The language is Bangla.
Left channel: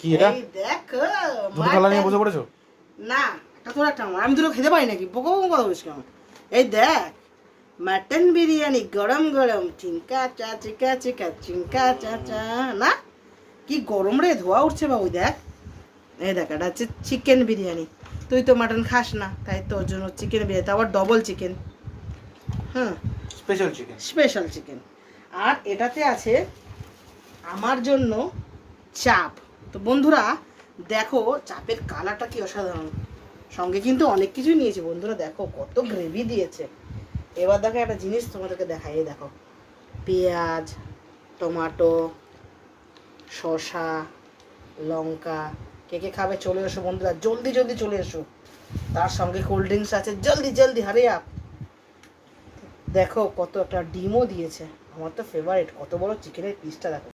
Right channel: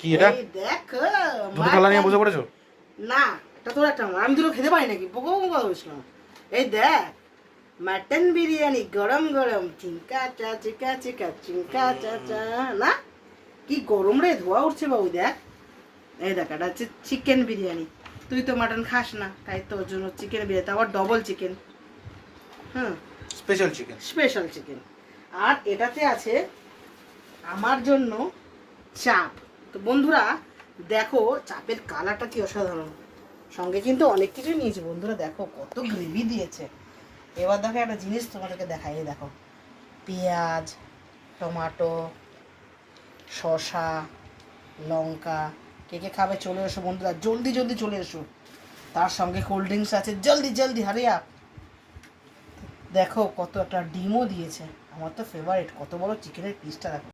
কি এটা? এই দেখো দুটো থালা নিয়ে বসে পড়েছো? না, এটা তোর একটা আমার। আমি দুটো খেতে পারি নাকি? পোকা পোকা কথা বলিস কেন? এই দেখ, মাটন বিরিয়ানি গরম গরম, চিঙ্কা চা চিকা চিকা চিঙ্কা চা চা। না কি গরম রে, ধোয়া উঠছে বাবু। দেখ, এই দেখ, এটা হচ্ছে চিকেন বিরিয়ানি। তুই তো মাটন খাস না, তাই তোর জন্য চিকেন বিরিয়ানি, আবার ডবল চিকেন। হুম, স্পেশাল চিকেন। Special chicken. আর এটাতে আছে আমার জন্য চাপ। তো বন্ধুরা দেখো, চাপের কালারটা কি অসাধারণ। সঙ্গে কিন্তু অনেক কিছুই নিয়েছি বন্ধুরা, দেখো কত গ্রেভি দিয়েছে। এবার দেখো একটা জিনিস তোমাদেরকে দেখাই, এই দেখো, পেঁয়াজ, টমেটো, শসা, লঙ্কা। কে কে খাবে চলে এসো বন্ধুরা, জলদি জলদি চলে এসো। তার সঙ্গে কোল্ড ড্রিঙ্কস আছে, জলদি জলদি হারি আপ। দেখো কত একটা ডিমও দিয়েছে, আমার তো ফেভারিট। কত বড় চিকেনের পিসটা দেখো।